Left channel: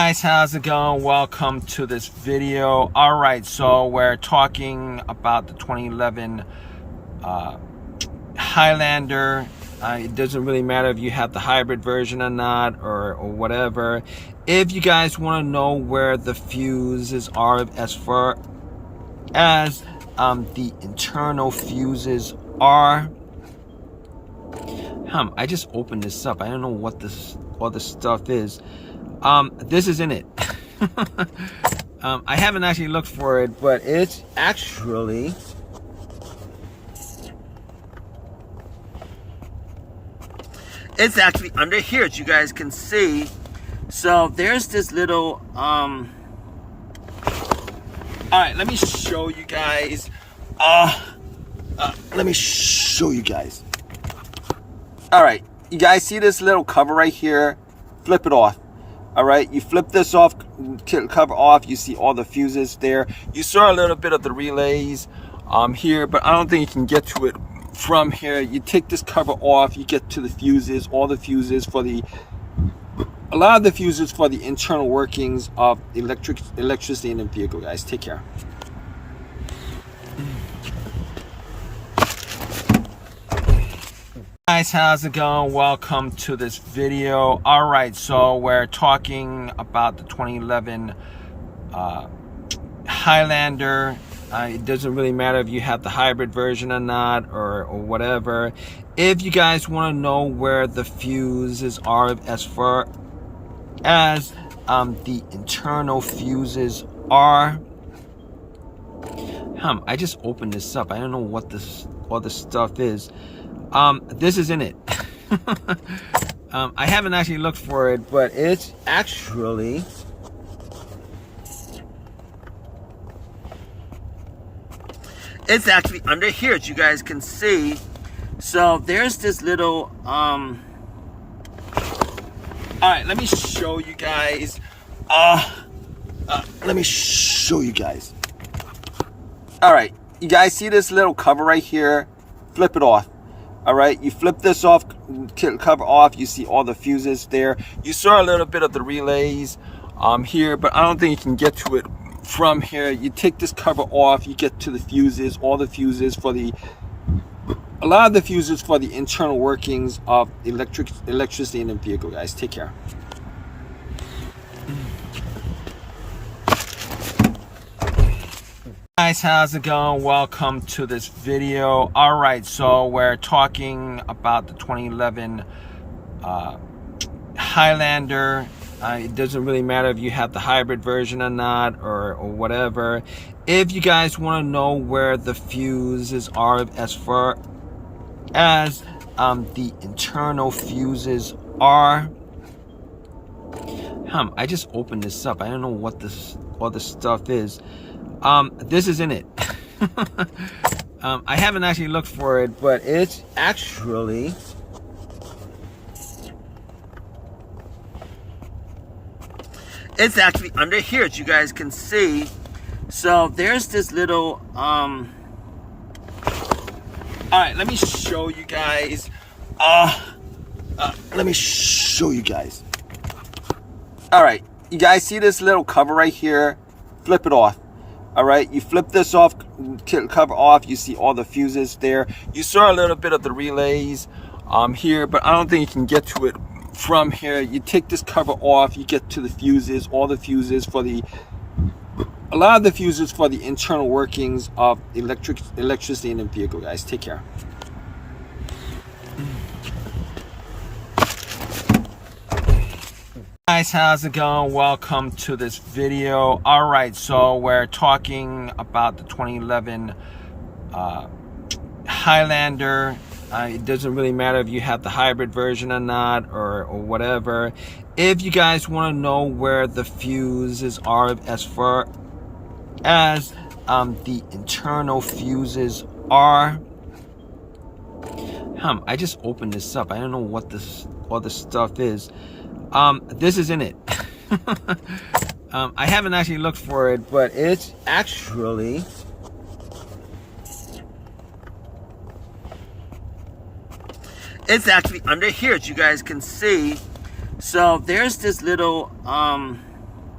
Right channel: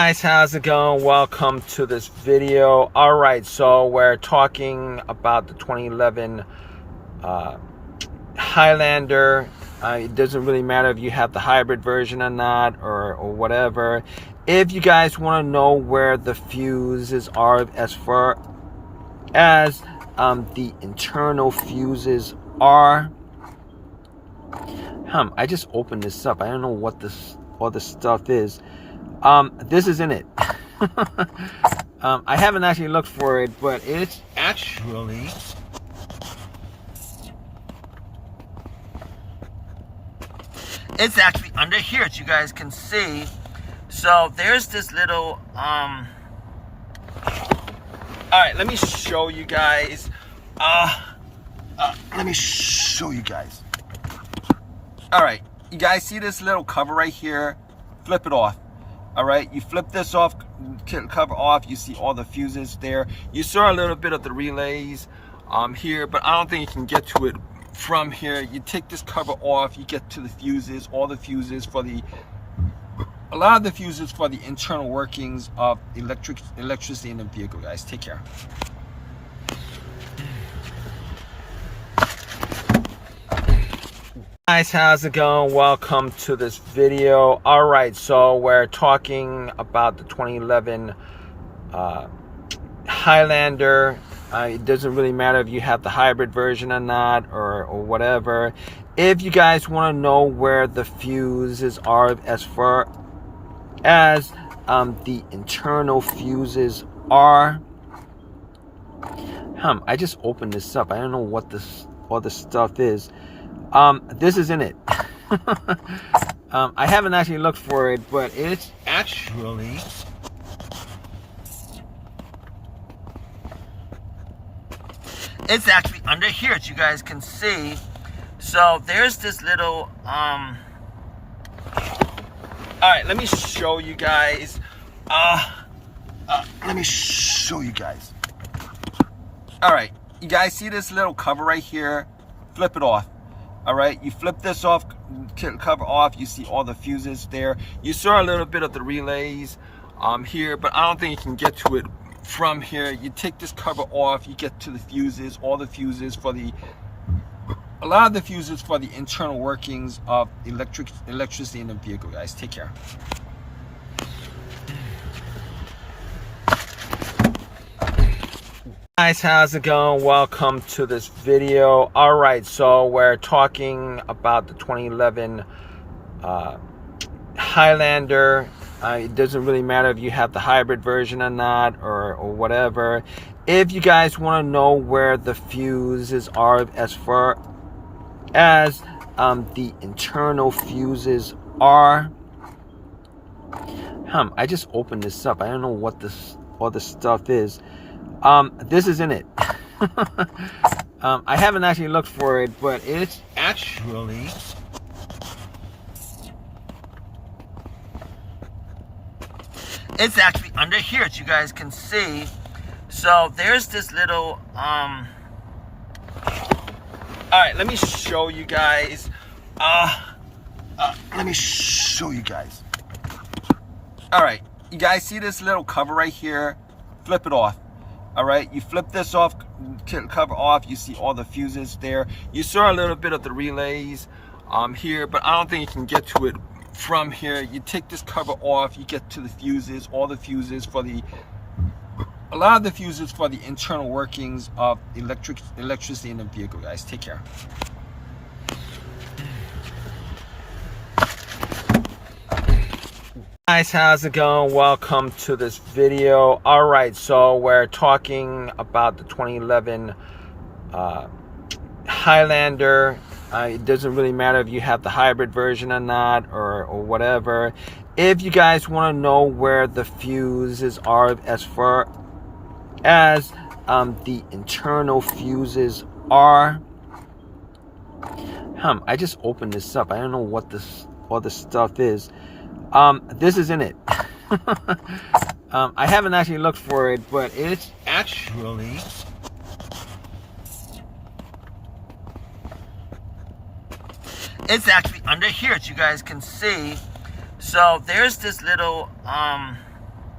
Guys, how's it going? Welcome to this video. All right, so we're talking about the 2011 Highlander. It doesn't really matter if you have the hybrid version or not, or whatever. If you guys want to know where the fuses are as far as the internal fuses are, I just opened this up. I don't know what this other stuff is. This isn't it. I haven't actually looked for it, but it's actually under here, as you guys can see. So there's this little all right, let me show you guys. Let me show you guys. All right, you guys see this little cover right here? Flip it off. All right, you flip this off, cover off, you see all the fuses there. You saw a little bit of the relays here, but I don't think you can get to it from here. You take this cover off, you get to the fuses, all the fuses for a lot of the fuses for the internal workings of electricity in the vehicle, guys. Take care. Guys, how's it going? Welcome to this video. All right, so we're talking about the 2011 Highlander. It doesn't really matter if you have the hybrid version or not, or whatever. If you guys want to know where the fuses are as far as the internal fuses are, I just opened this up. I don't know what this other stuff is. This isn't it. I haven't actually looked for it, but it's actually under here, as you guys can see. So there's this little all right, let me show you guys. Let me show you guys. All right, you guys see this little cover right here? Flip it off. All right, you flip this off, cover off, you see all the fuses there. You saw a little bit of the relays here, but I don't think you can get to it from here. You take this cover off, you get to the fuses, all the fuses for a lot of the fuses for the internal workings of electricity in the vehicle, guys. Take care. Guys, how's it going? Welcome to this video. All right, so we're talking about the 2011 Highlander. It doesn't really matter if you have the hybrid version or not, or whatever. If you guys want to know where the fuses are as far as the internal fuses are, I just opened this up. I don't know what this other stuff is. This isn't it. I haven't actually looked for it, but it's actually under here, as you guys can see. So there's this little all right, let me show you guys. Let me show you guys. All right, you guys see this little cover right here? Flip it off. All right, you flip this off, cover off, you see all the fuses there. You saw a little bit of the relays here, but I don't think you can get to it from here. You take this cover off, you get to the fuses, all the fuses for a lot of the fuses for the internal workings of electricity in the vehicle, guys. Take care. Guys, how's it going? Welcome to this video. All right, so we're talking about the 2011 Highlander. It doesn't really matter if you have the hybrid version or not, or whatever. If you guys want to know where the fuses are as far as the internal fuses are, I just opened this up. I don't know what this other stuff is. This isn't it. I haven't actually looked for it, but it's actually under here, as you guys can see. So there's this little all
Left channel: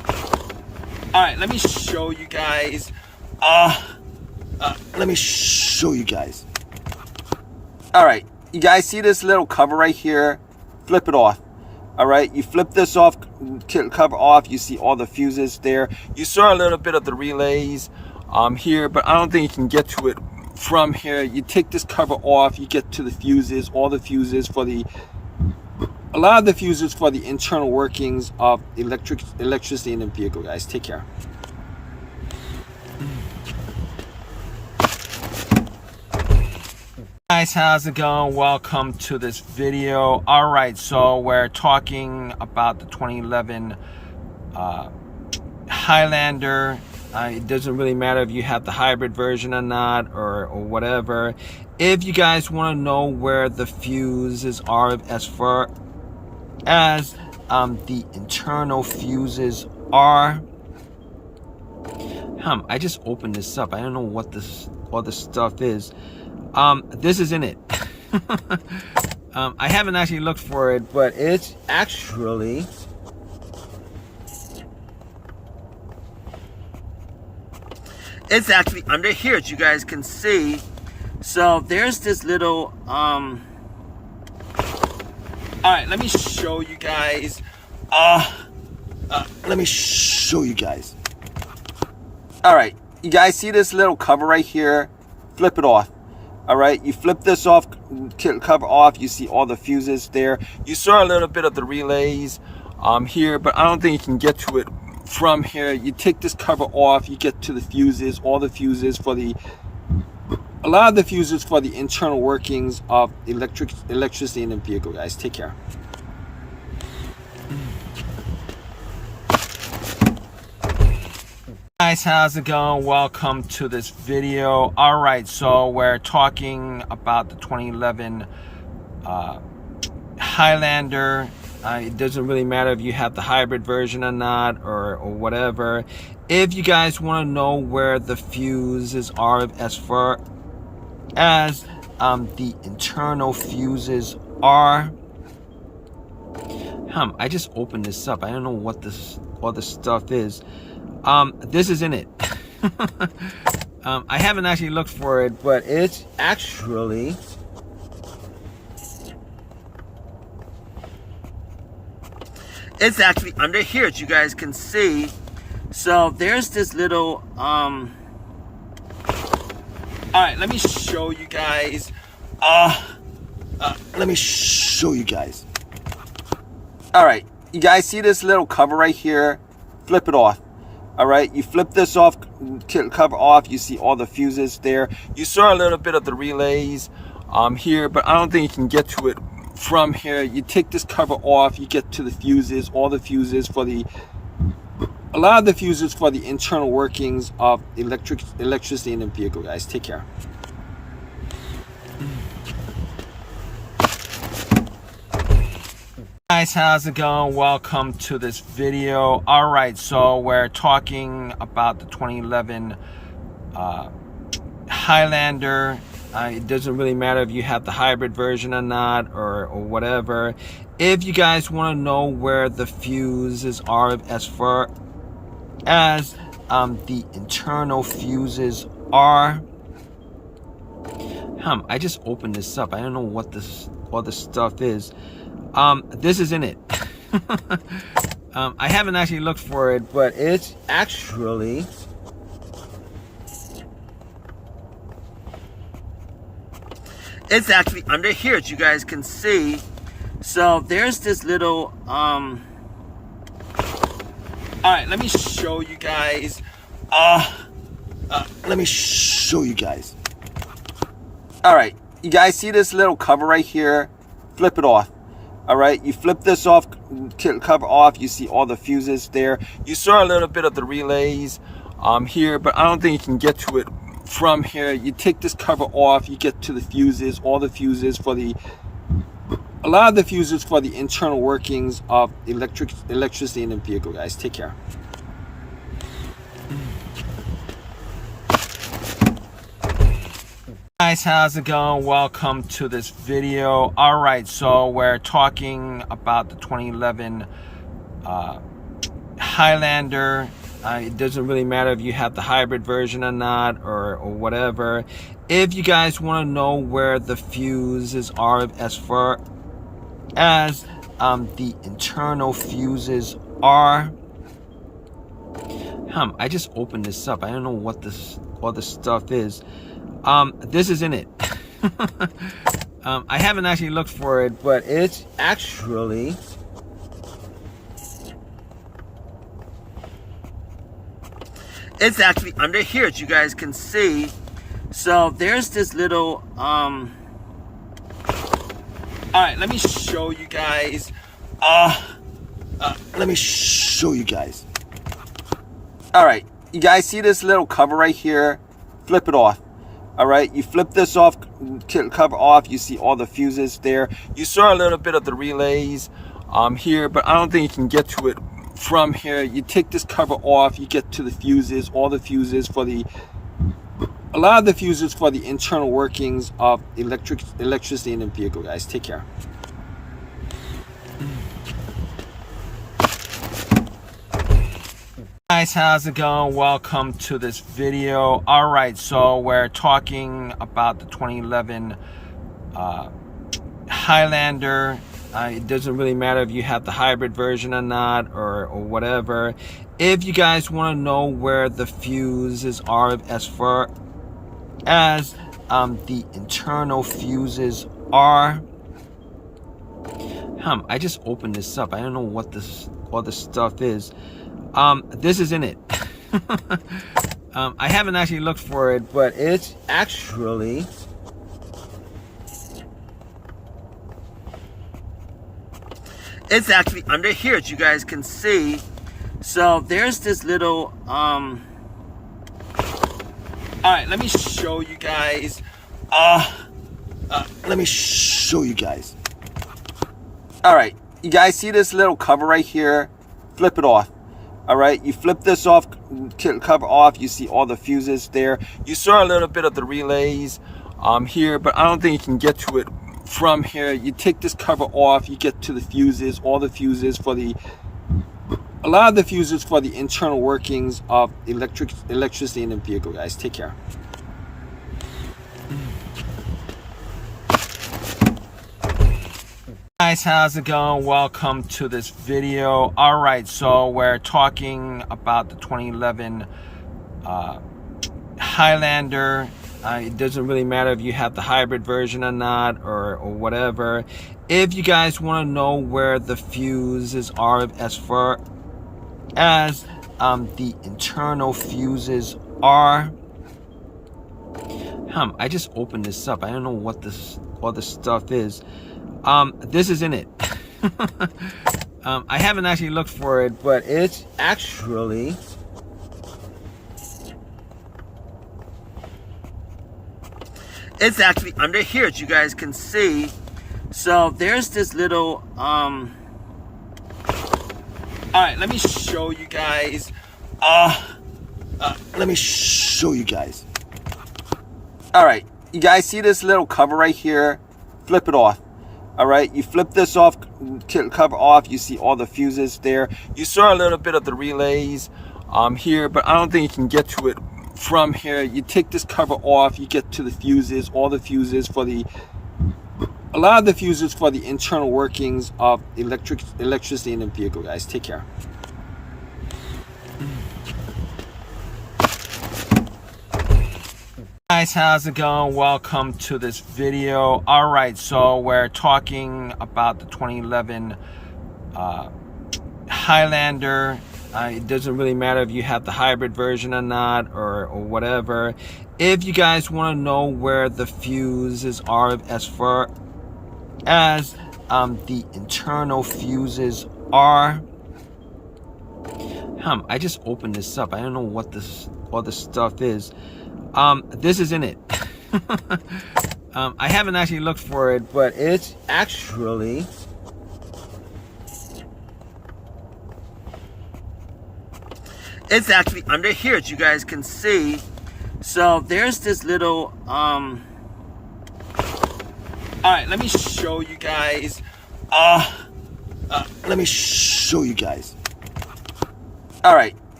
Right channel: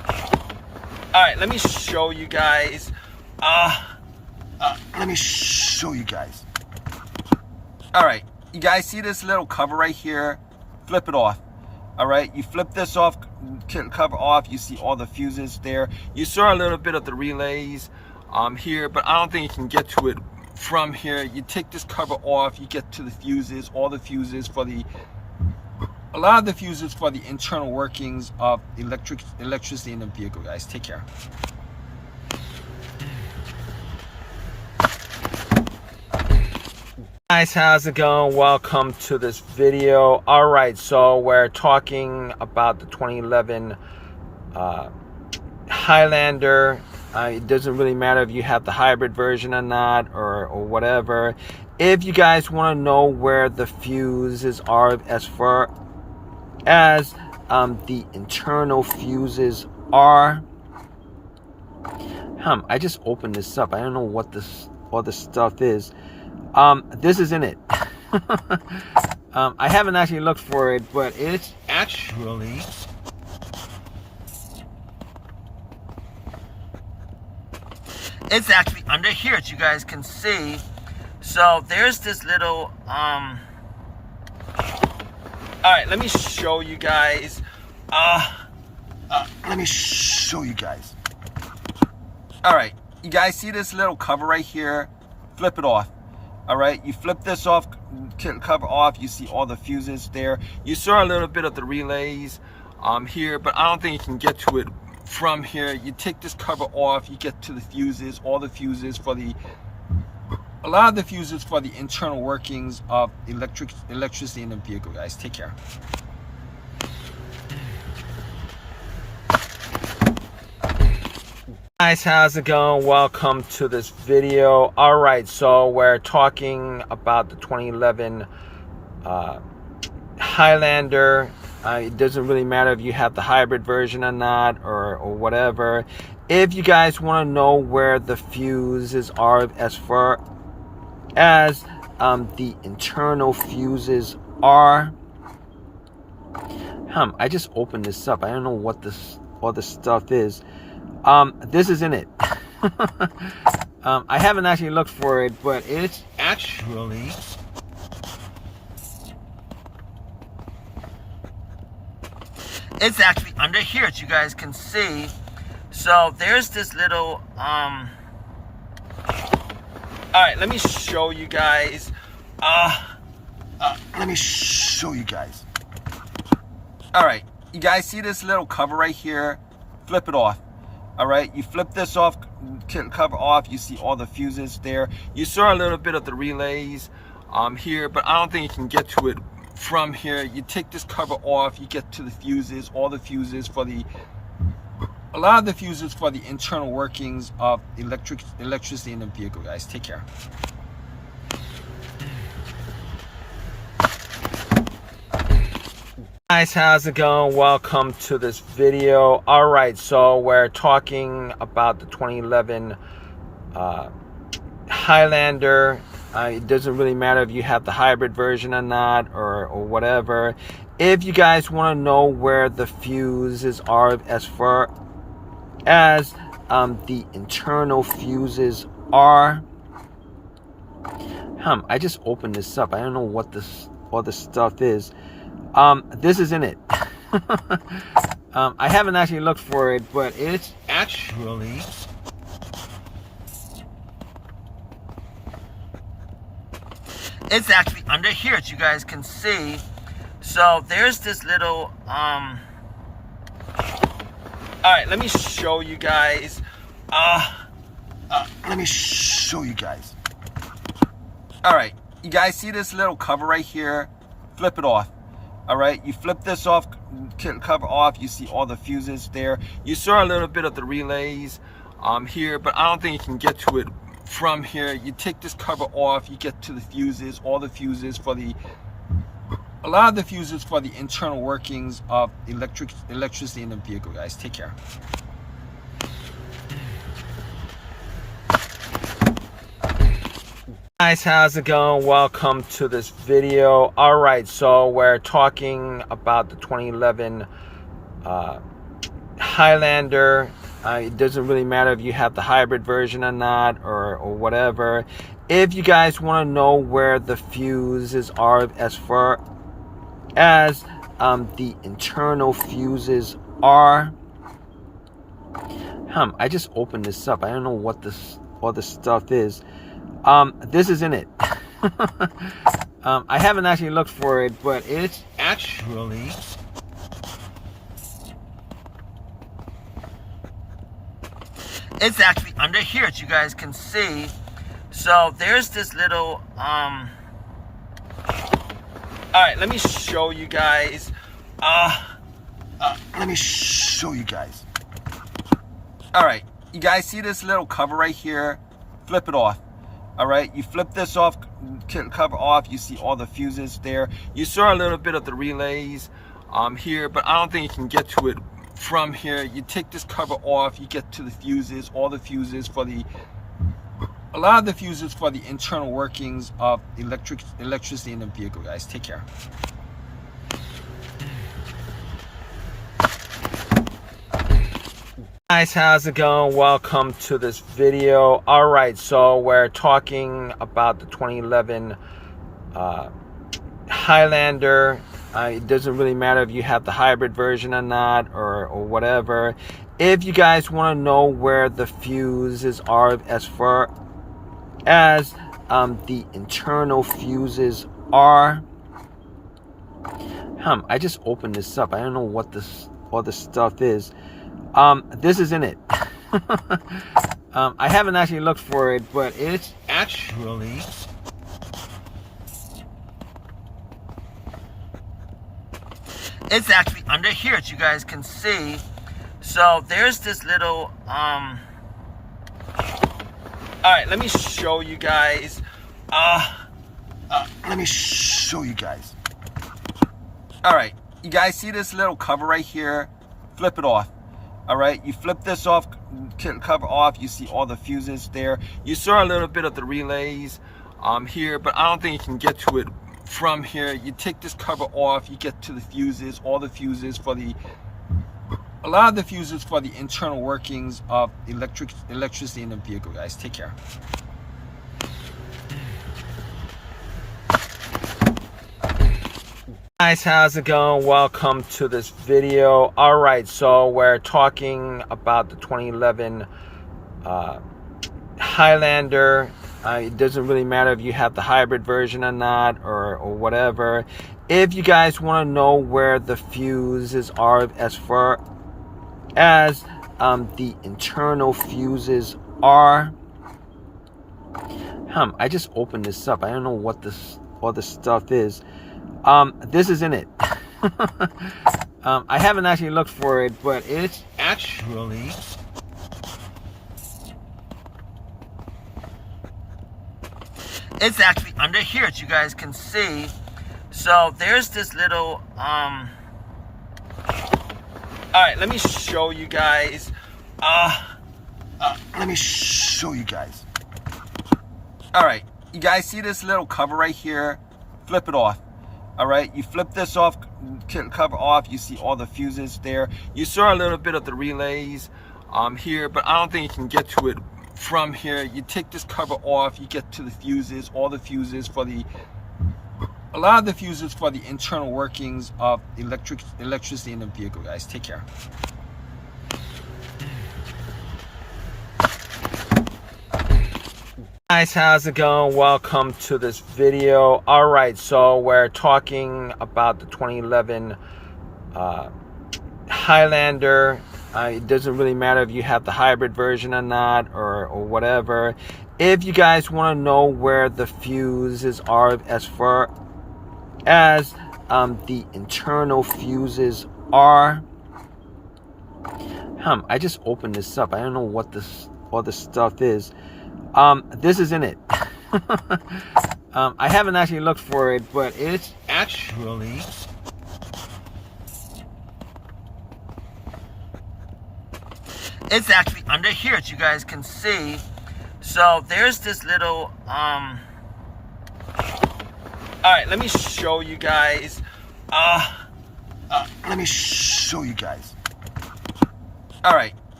All right, let me show you guys. Let me show you guys. All right, you guys see this little cover right here? Flip it off. All right, you flip this off, cover off, you see all the fuses there. You saw a little bit of the relays here, but I don't think you can get to it from here. You take this cover off, you get to the fuses, all the fuses for the, a lot of the fuses for the internal workings of electricity in the vehicle, guys. Take care. Guys, how's it going? Welcome to this video. All right, so we're talking about the 2011 Highlander. It doesn't really matter if you have the hybrid version or not, or whatever. If you guys want to know where the fuses are as far as the internal fuses are, I just opened this up. I don't know what this all the stuff is. This isn't it. I haven't actually looked for it, but it's actually under here, as you guys can see. So there's this little all right, let me show you guys. Let me show you guys. All right, you guys see this little cover right here? Flip it off. All right, you flip this off, cover off, you see all the fuses there. You saw a little bit of the relays here, but I don't think you can get to it from here. You take this cover off, you get to the fuses, all the fuses for the, a lot of the fuses for the internal workings of electricity in the vehicle, guys. Take care. Guys, how's it going? Welcome to this video. All right, so we're talking about the 2011 Highlander. It doesn't really matter if you have the hybrid version or not, or whatever. If you guys want to know where the fuses are as far as the internal fuses are, I just opened this up. I don't know what this all the stuff is. This isn't it. I haven't actually looked for it, but it's actually under here, as you guys can see. So there's this little all right, let me show you guys. Let me show you guys. All right, you guys see this little cover right here? Flip it off. All right, you flip this off, cover off, you see all the fuses there. You saw a little bit of the relays here, but I don't think you can get to it from here. You take this cover off, you get to the fuses, all the fuses for the, a lot of the fuses for the internal workings of electricity in the vehicle, guys. Take care. Guys, how's it going? Welcome to this video. All right, so we're talking about the 2011 Highlander. It doesn't really matter if you have the hybrid version or not, or whatever. If you guys want to know where the fuses are as far as the internal fuses are, I just opened this up. I don't know what this all the stuff is. This isn't it. I haven't actually looked for it, but it's actually under here, as you guys can see. So there's this little all right, let me show you guys. Let me show you guys. All right, you guys see this little cover right here? Flip it off. All right, you flip this off, cover off, you see all the fuses there. You saw a little bit of the relays here, but I don't think you can get to it from here. You take this cover off, you get to the fuses, all the fuses for the, a lot of the fuses for the internal workings of electricity in the vehicle, guys. Take care. Guys, how's it going? Welcome to this video. All right, so we're talking about the 2011 Highlander. It doesn't really matter if you have the hybrid version or not, or whatever. If you guys want to know where the fuses are as far as the internal fuses are, I just opened this up. I don't know what this other stuff is. This isn't it. I haven't actually looked for it, but it's actually under here, as you guys can see. So there's this little all right, let me show you guys. Let me show you guys. All right, you guys see this little cover right here? Flip it off. All right, you flip this off, cover off, you see all the fuses there. You saw a little bit of the relays here, but I don't think you can get to it from here. You take this cover off, you get to the fuses, all the fuses for the, a lot of the fuses for the internal workings of electricity in the vehicle, guys. Take care. Guys, how's it going? Welcome to this video. All right, so we're talking about the 2011 Highlander. It doesn't really matter if you have the hybrid version or not, or whatever. If you guys want to know where the fuses are as far as the internal fuses are, I just opened this up. I don't know what this other stuff is. This isn't it. I haven't actually looked for it, but it's actually under here, as you guys can see. So there's this little all right, let me show you guys. Let me show you guys. All right, you guys see this little cover right here? Flip it off. All right, you flip this off, cover off, you see all the fuses there. You saw a little bit of the relays here, but I don't think you can get to it from here. You take this cover off, you get to the fuses, all the fuses for the, a lot of the fuses for the internal workings of electricity in the vehicle, guys. Take care. Guys, how's it going? Welcome to this video. All right, so we're talking about the 2011 Highlander. It doesn't really matter if you have the hybrid version or not, or whatever. If you guys want to know where the fuses are as far as the internal fuses are, I just opened this up. I don't know what this other stuff is. This isn't it. I haven't actually looked for it, but it's actually under here, as you guys can see. So there's this little all right, let me show you guys. Let me show you guys. All right, you guys see this little cover right here? Flip it off. All right, you flip this off, cover off, you see all the fuses there. You saw a little bit of the relays here, but I don't think you can get to it from here. You take this cover off, you get to the fuses, all the fuses for the, a lot of the fuses for the internal workings of electricity in the vehicle, guys. Take care. Guys, how's it going? Welcome to this video. All right, so we're talking about the 2011 Highlander. It doesn't really matter if you have the hybrid version or not, or whatever. If you guys want to know where the fuses are as far as the internal fuses are, I just opened this up. I don't know what this other stuff is. This isn't it. I haven't actually looked for it, but it's actually under here, as you guys can see. So there's this little all right, let me show you guys. Let me show you guys. All right,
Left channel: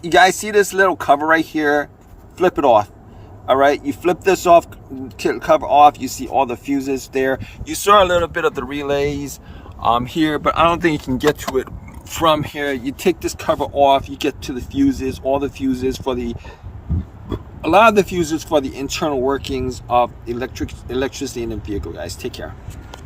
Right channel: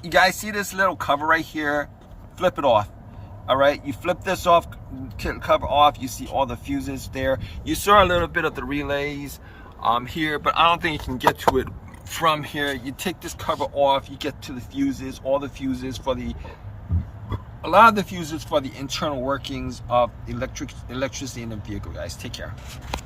you guys see this little cover right here? Flip it off. All right, you flip this off, cover off, you see all the fuses there. You saw a little bit of the relays here, but I don't think you can get to it from here. You take this cover off, you get to the fuses, all the fuses for the, a lot of the fuses for the internal workings of electricity in the vehicle, guys. Take care.